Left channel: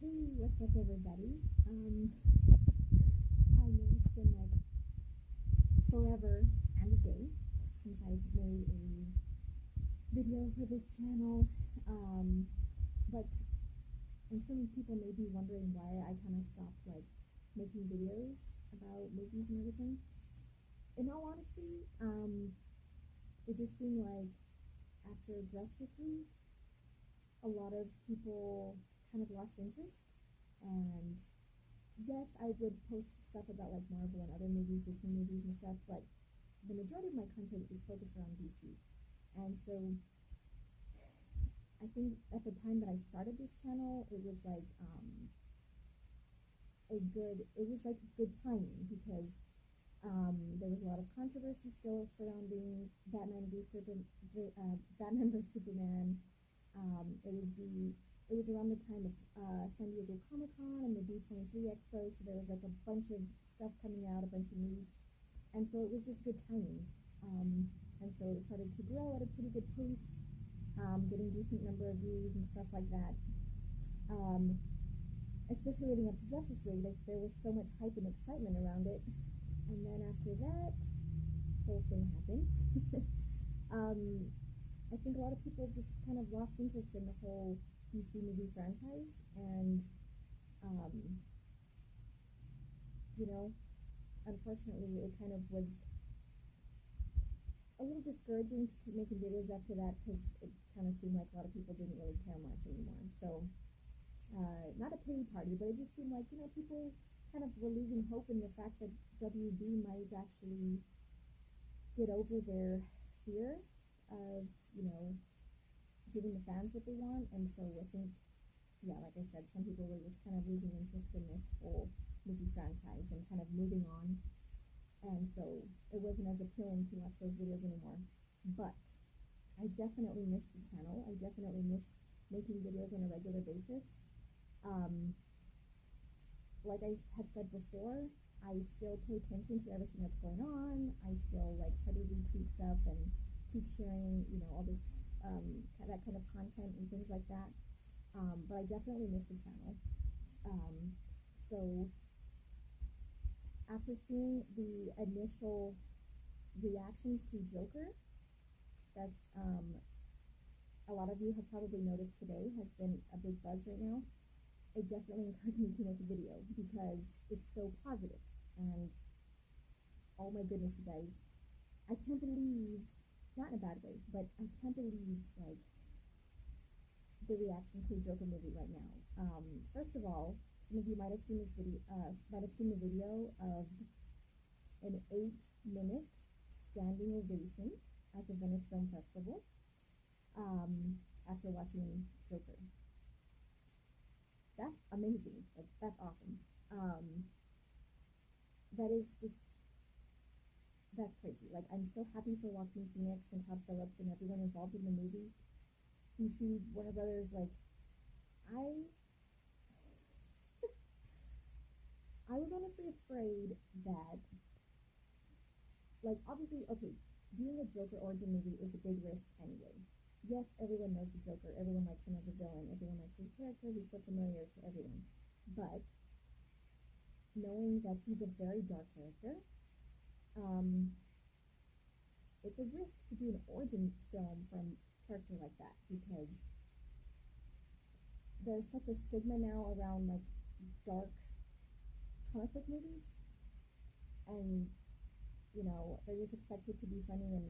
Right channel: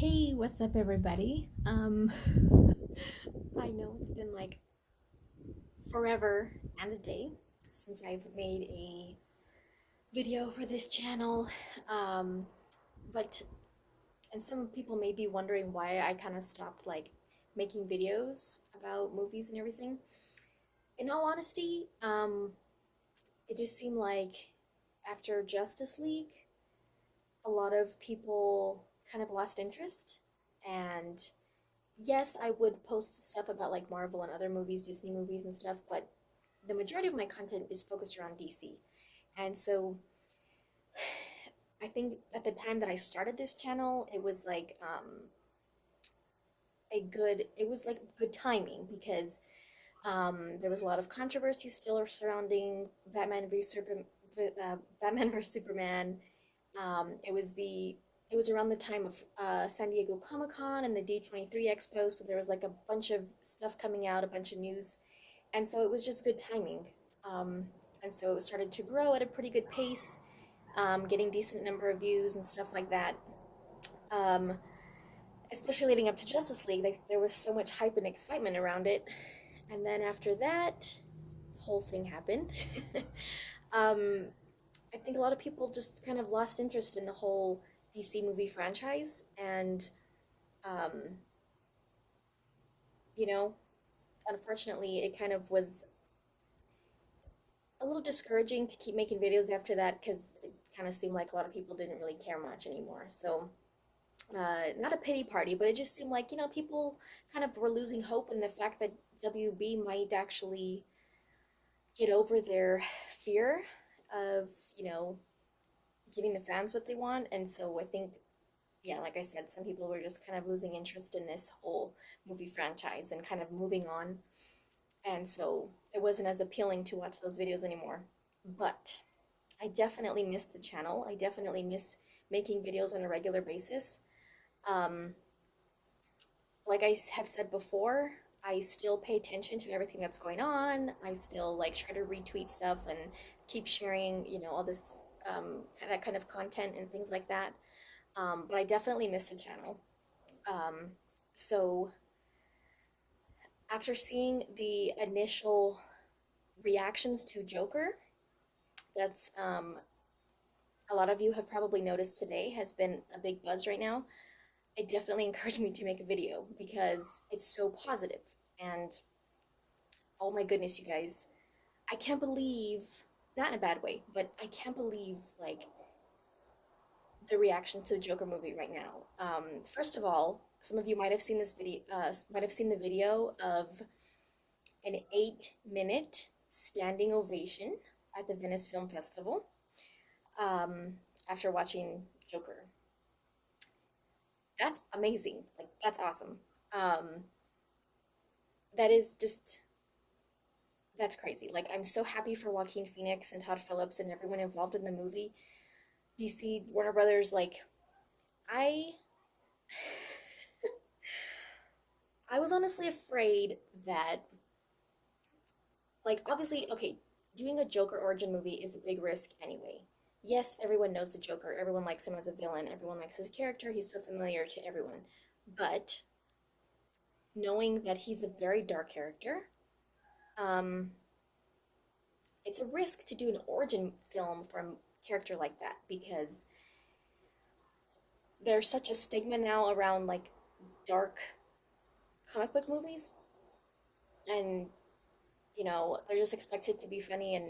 Hey, what's up, everybody? I know it's been like forever and a day since I've made a video for this channel. Um, but, and some people may be wondering why I kind of stopped like making videos about movies and everything. In all honesty, it just seemed like after Justice League, a lot of people kind of lost interest. And yes, I would post stuff about like Marvel and other movies, Disney movies and stuff, but the majority of my content is focused around DC. And so I think at the time that I started this channel, it was like it was like good timing because there was a lot of controversy still surrounding Batman vs Superman. It was around the time of San Diego Comic Con and the D23 Expo, so there was like a bunch of stuff coming out, a bunch of news, and so it was just good timing. Um, and so it started to grow at a pretty good pace, getting decent number of views and stuff like that. Um, Especially leading up to Justice League, there was so much hype and excitement around it. And then after that, whole thing happened. um, I think a lot of people just kind of lost interest in the whole DC movie franchise, and um, you know, unfortunately, it kind of was a little discouraging to keep making videos after that because it kind of seemed like a lot of people didn't really care much anymore. So, not a pity party, but it just seemed like, people kind of were losing hope in the fact that WB might actually get over their fear of, giving the fans what they want. And so I think, yeah, like I said, some people were just kind of losing interest in this whole movie franchise and kind of moving on. And so it wasn't as appealing to watch those videos anymore. But I definitely miss the channel. I definitely miss making videos on a regular basis. Um, like I have said before, I still pay attention to everything that's going on. I still like try to retweet stuff and keep sharing, all this that kind of content and things like that. But I definitely miss the channel. Um, so after seeing the initial reactions to Joker, that's a lot of you have probably noticed today has been a big buzz right now. It definitely encouraged me to make a video because it's so positive. And oh my goodness, you guys, I can't believe, not in a bad way, but I can't believe like the reaction to the Joker movie right now. First of all, some of you might have seen this video, might have seen the video of an 8-minute standing ovation at the Venice Film Festival um, after watching Joker. That's amazing. Like, that's awesome. Um, that is just, that's crazy. Like, I'm so happy for Joaquin Phoenix and Todd Phillips and everyone involved in the movie. DC, Warner Brothers, like, I I was honestly afraid that, like, obviously, okay, doing a Joker origin movie is a big risk anyway. Yes, everyone knows the Joker. Everyone likes him as a villain. Everyone likes his character. He's so familiar to everyone. But knowing that he's a very dark character, um, it's a risk to do an origin film for a character like that because there's such a stigma now around like dark comic book movies, and they're just expected to be funny and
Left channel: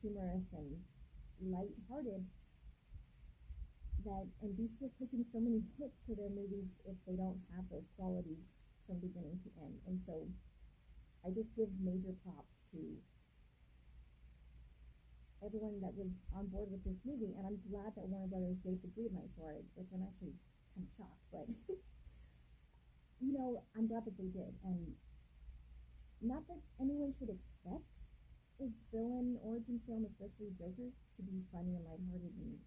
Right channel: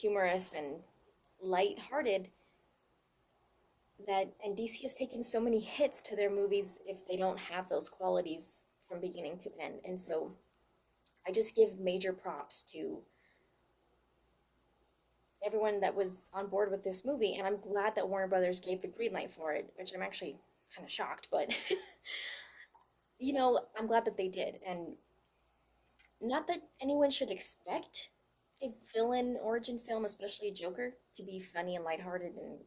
humorous and light-hearted, that and DC has taken so many hits to their movies if they don't have those qualities from beginning to end. And so I just give major props to everyone that was on board with this movie, and I'm glad that Warner Brothers gave the green light for it, which I'm actually kind of shocked, but I'm glad that they did. And not that anyone should expect a villain origin film, especially a Joker, to be funny and lighthearted and,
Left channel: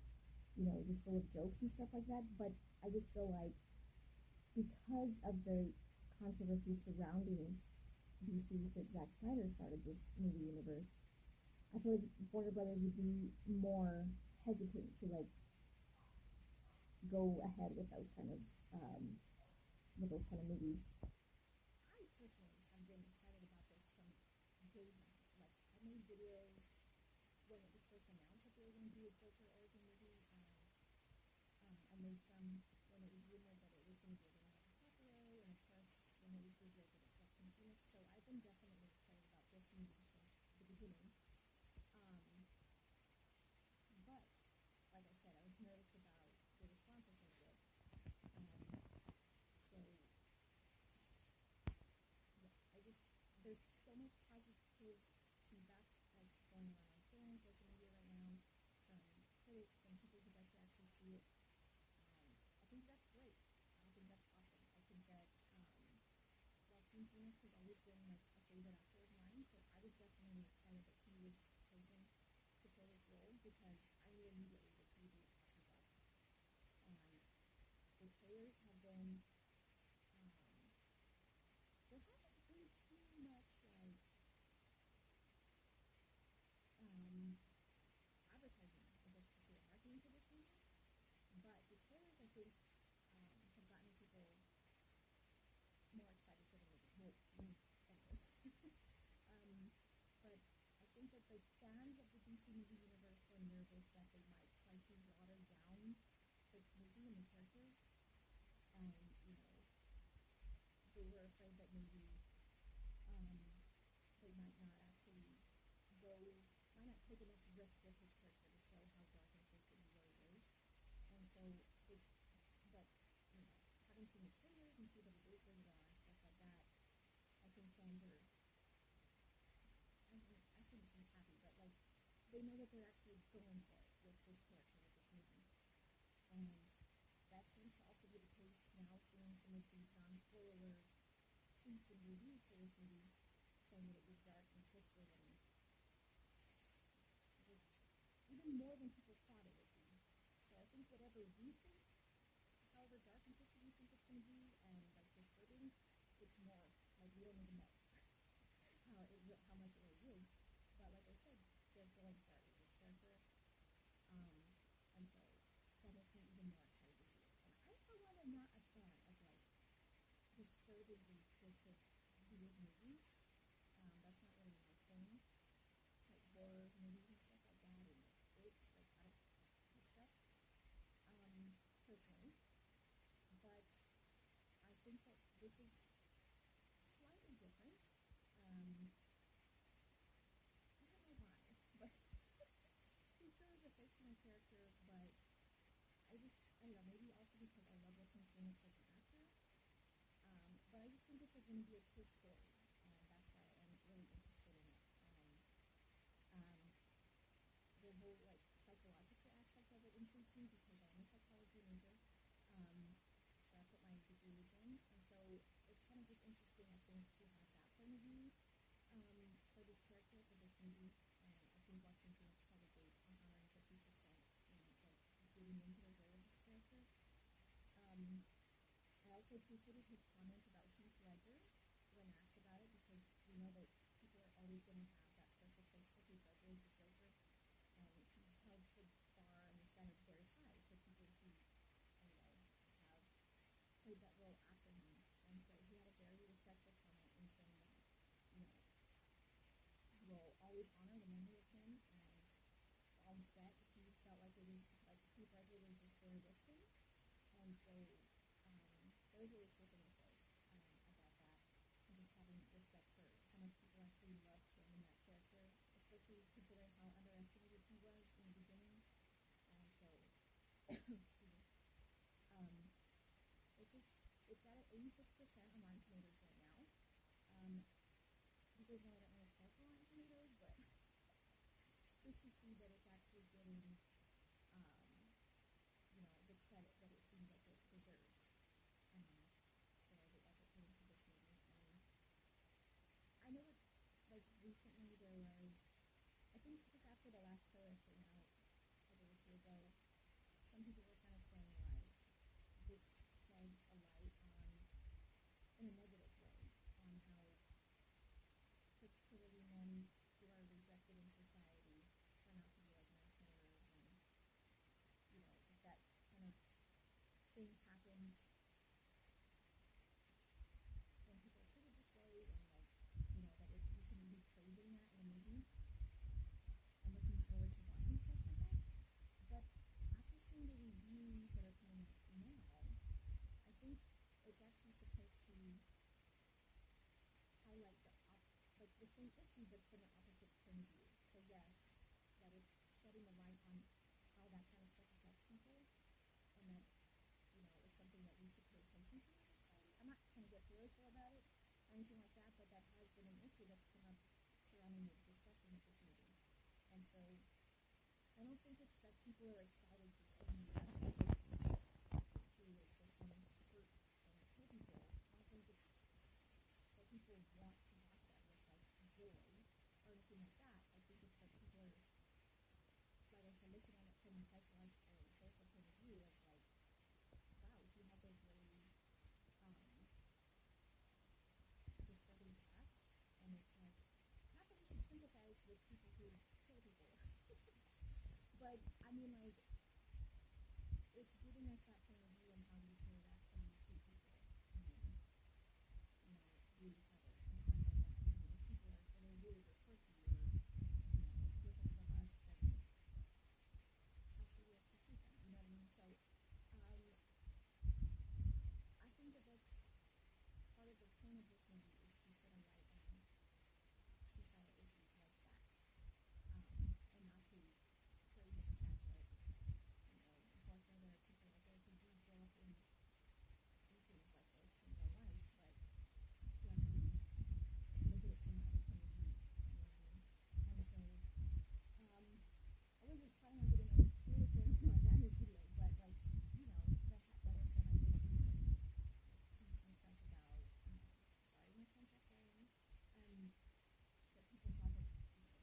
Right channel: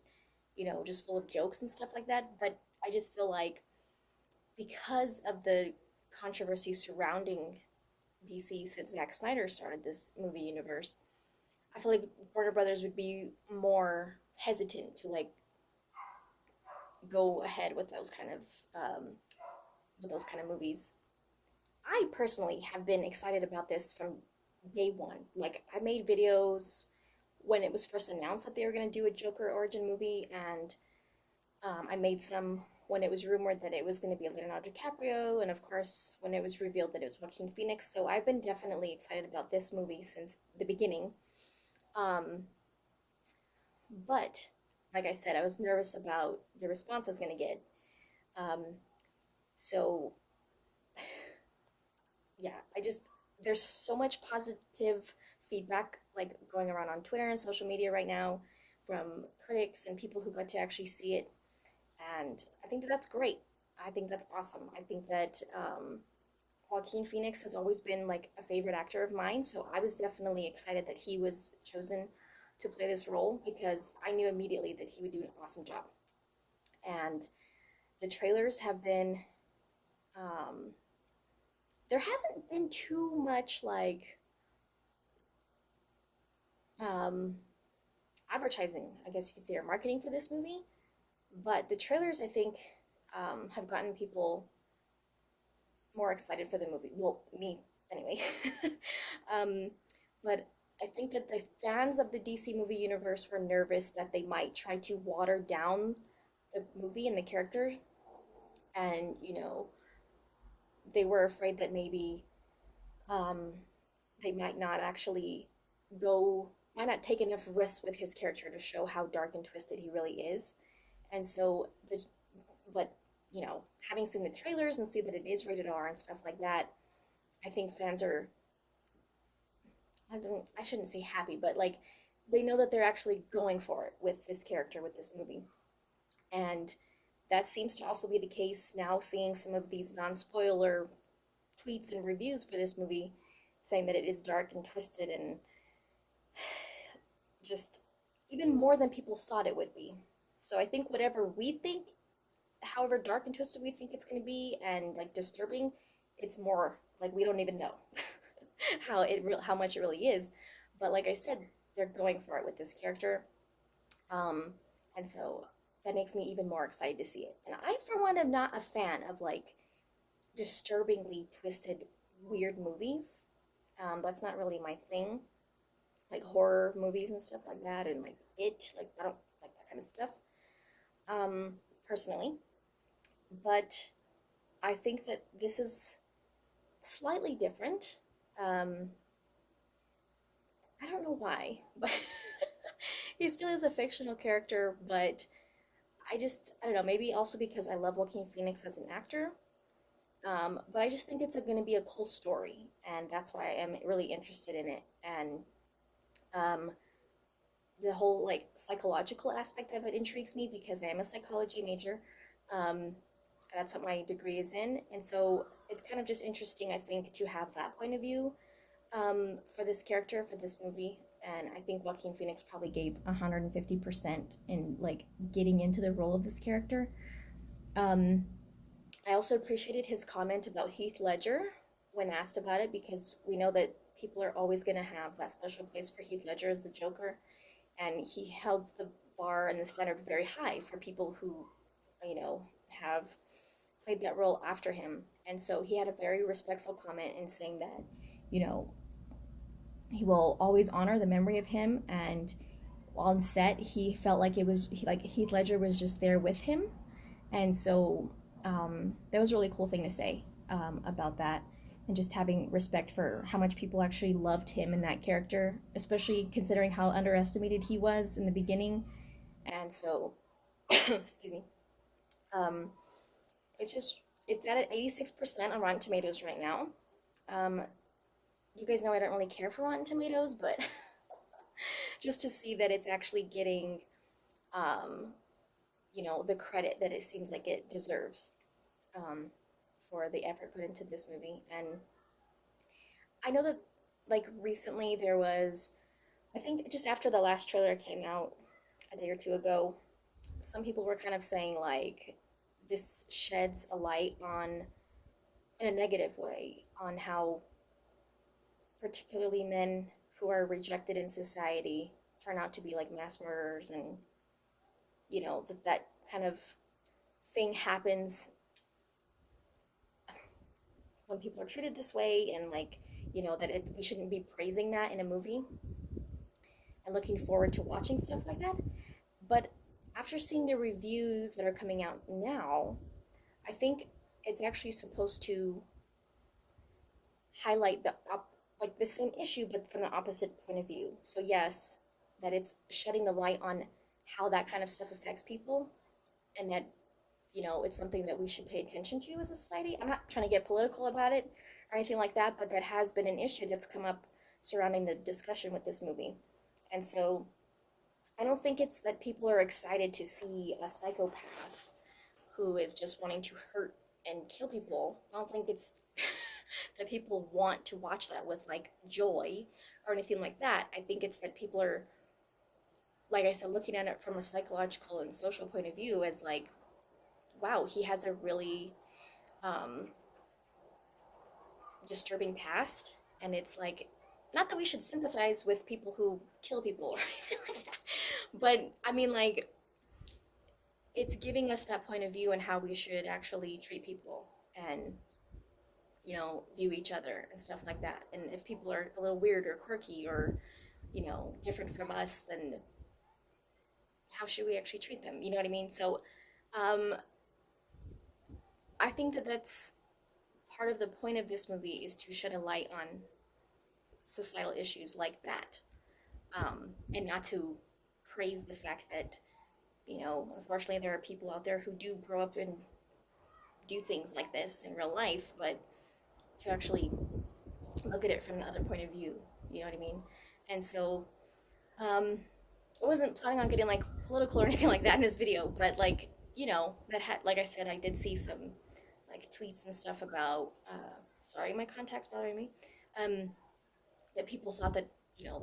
just full of jokes and stuff like that. But I just feel like because of the controversy surrounding DC since Zack Snyder started this movie universe, I feel like Warner Brothers would be more hesitant to like go ahead with those kind of movies. I personally have been excited about this from day one. Like I made videos when it was first announced that they were going to do a Joker origin movie, and I made some when it was rumored that it was going to be Leonardo DiCaprio, and of course when it was revealed that it was Joaquin Phoenix. So I've been definitely excited about this movie since the beginning. Um, but like I said, I was nervous about the response I was going to get. Um, so yeah, there's so much positive feedback like going around on Twitter and social media right now from critics and people who got to actually see it, and I think that that's great. I think that's awesome. I think that Joaquin Phoenix has always been like a favorite actor of mine, so I was definitely excited that he was chosen to play this role because I knew immediately that he would do an awesome job. And the trailers have been um, there hasn't been too much like um, advertising, I guess you could say, or marketing for this movie. But the trailers, I think, have gotten people more excited for the movie. Well, me anyway. um, but I think that the fans of the DC movie universe were nervous that they might try to water down the movie and the character, and they were afraid that maybe um, they might not actually go, might not take enough risks with his character to show how dark and twisted he really is. And so but having seen the trailers and see that it is rated R and stuff like that, I think fans are, I shouldn't say happy, but like they know that they're actually going for it with this character with this movie. And that seems to also be the case now, seeing some of these non-spoiler tweets and reviews for this movie saying that it is dark and twisted and just even more than people thought it would be. So I think whatever we think, however dark and twisted we think it's going to be and like disturbing, it's more like we don't even know how much it really is. But like I said, they're going for it with this character, um, and so that makes me even more excited to see it. And I, for one, am not a fan of like disturbingly twisted, weird movies. That's not really my thing. Like horror movies and stuff like that, and like like I don't like that kind of stuff. Um, Personally, but I think that this is slightly different. Um, I don't know why, but he still is a fictional character, but I don't know, maybe also because I love Joaquin Phoenix as an actor. But I just think it's going to be a cool story, and that's why I am really interested in it. And um, the whole like psychological aspect of it intrigues me because I am a psychology major. Um, that's what my degree is in, and so it's kind of just interesting, I think, to have that point of view for this character for this movie. And I think Joaquin Phoenix probably gave 150% in like getting into the role of this character. Um, I also appreciated his comment about Heath Ledger when asked about it because we know that people are always going to have that special place for Heath Ledger as the Joker, and he held the bar and the standard very high for people who, have played that role after him. And so he had a very respectful comment in saying that, you know, he will always honor the memory of him, and on set he felt like it was like Heath Ledger was just there with him. And so that was a really cool thing to say about that, and just having respect for how much people actually loved him in that character, especially considering how underestimated he was in the beginning. And so excuse me, um, it's just it's at an 86% on Rotten Tomatoes right now. um, you guys know I don't really care for Rotten Tomatoes, but just to see that it's actually getting um, the credit that it seems like it deserves, um, for the effort put into this movie. And I know that like recently there was, I think just after the last trailer came out a day or two ago, some people were kind of saying like this sheds a light on, in a negative way, on how particularly men who are rejected in society turn out to be like mass murderers, and that kind of thing happens when people are treated this way, and like, that we shouldn't be praising that in a movie and looking forward to watching stuff like that. But after seeing the reviews that are coming out now, I think it's actually supposed to highlight like the same issue, but from the opposite point of view. So yes, that it's shedding the light on how that kind of stuff affects people, and that it's something that we should pay attention to as a society. I'm not trying to get political about it or anything like that, but that has been an issue that's come up surrounding the discussion with this movie. And so I don't think it's that people are excited to see a psychopath who is just wanting to hurt and kill people. I don't think it's that people want to watch that with like joy or anything like that. I think it's that people are, like I said, looking at it from a psychological and social point of view as like, wow, he has a really disturbing past. And it's like, not that we should sympathize with people who kill people or anything like that, but I mean, like, it's giving us that point of view and how we should actually treat people and view each other and stuff like that. And if people are a little weird or quirky or different from us, then how should we actually treat them? You know what I mean? So I think that that's part of the point of this movie, is to shed a light on societal issues like that, and not to praise the fact that unfortunately there are people out there who do grow up and do things like this in real life, but to actually look at it from the other point of view. You know what I mean? And so I wasn't planning on getting like political or anything like that in this video, but like that had, like I said, I did see some like tweets and stuff about sorry, my contact's bothering me, that people thought that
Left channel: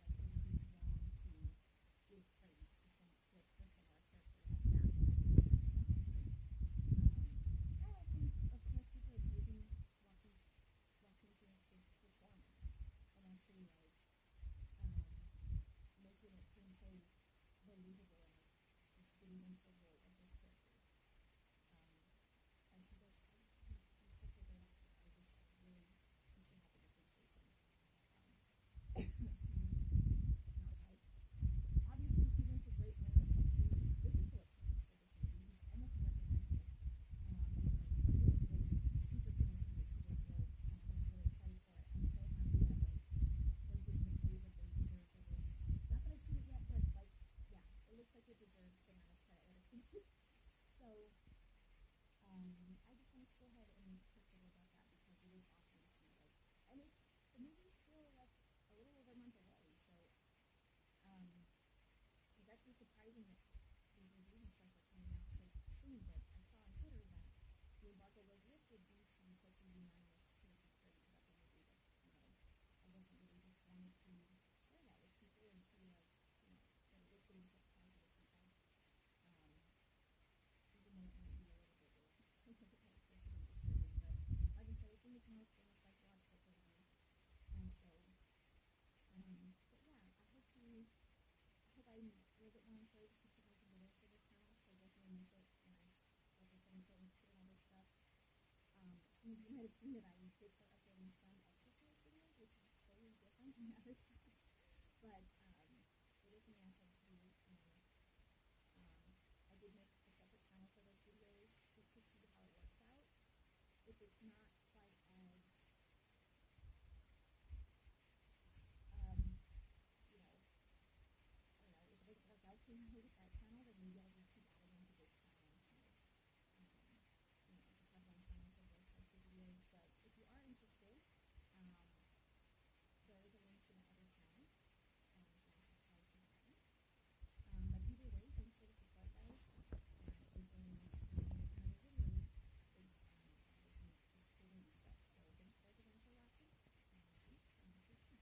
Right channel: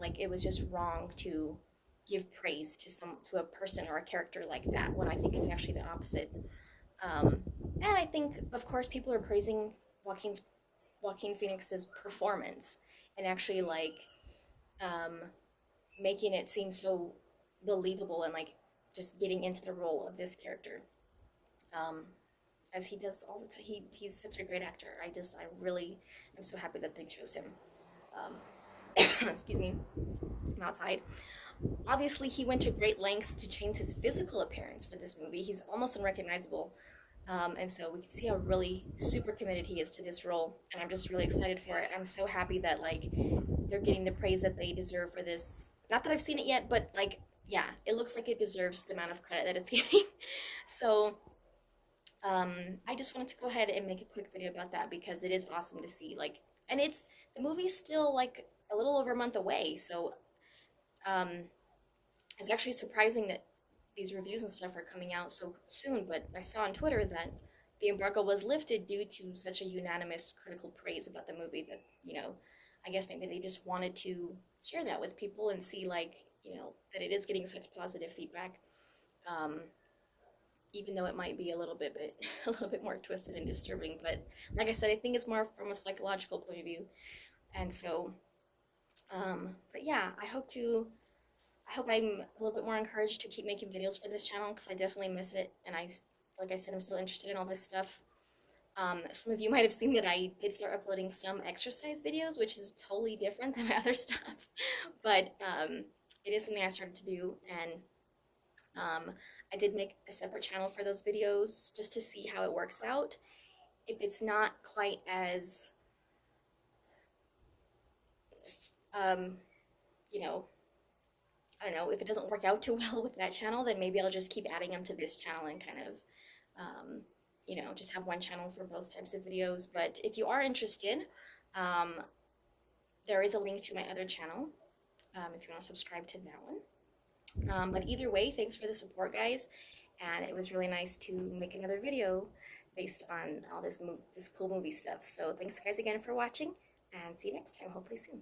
like it was just wrong to give praise to a person or a character like that, when I think it's actually the opposite. And I think, of course, people are praising Joaquin Phoenix's performance, and actually like making it seem so believable, and like just getting into the role of this character, as he does all the time. He's such a great actor. I really am so happy that they chose him. Excuse me, I'm outside. Obviously, he went to great lengths to change his physical appearance for this movie. He's almost unrecognizable. And so we can see how really super committed he is to this role, and I'm just really excited for it. I'm so happy that like they're getting the praise that they deserve for this. Not that I've seen it yet, but like, yeah, it looks like it deserves the amount of credit that it's getting. So I just wanted to go ahead and make a quick video about that, because it is awesome to see, like, and the movie's still like a little over a month away, so it's actually surprising that these reviews and stuff are coming out so soon. But I saw on Twitter that the embargo was lifted due to such a unanimous critical praise about the movie, that I guess maybe they just wanted to share that with people and see, like, that it is getting such positive feedback, even though it might be a little bit more twisted and disturbing. But like I said, I think it's more from a psychological point of view. And so but yeah, I hope I'm a little bit more encouraged to keep making videos for this channel, because I definitely miss it, and like I said, I'm still interested in all this stuff. Some of you might have seen that I did start uploading some exercise videos, which is totally different than my other stuff, but it is something I started to do, and I did make a separate channel for those videos just to see how it works out. If it's not quite as I don't know, if it doesn't work out too well with that channel, then maybe I'll just keep adding them to this channel and kind of, just have one channel for both types of videos. But if you are interested, there is a link to my other channel, if you want to subscribe to that one. But either way, thanks for the support, guys, and it was really nice to make another video based on all this cool movie stuff. So thanks, guys, again for watching, and see you next time, hopefully soon.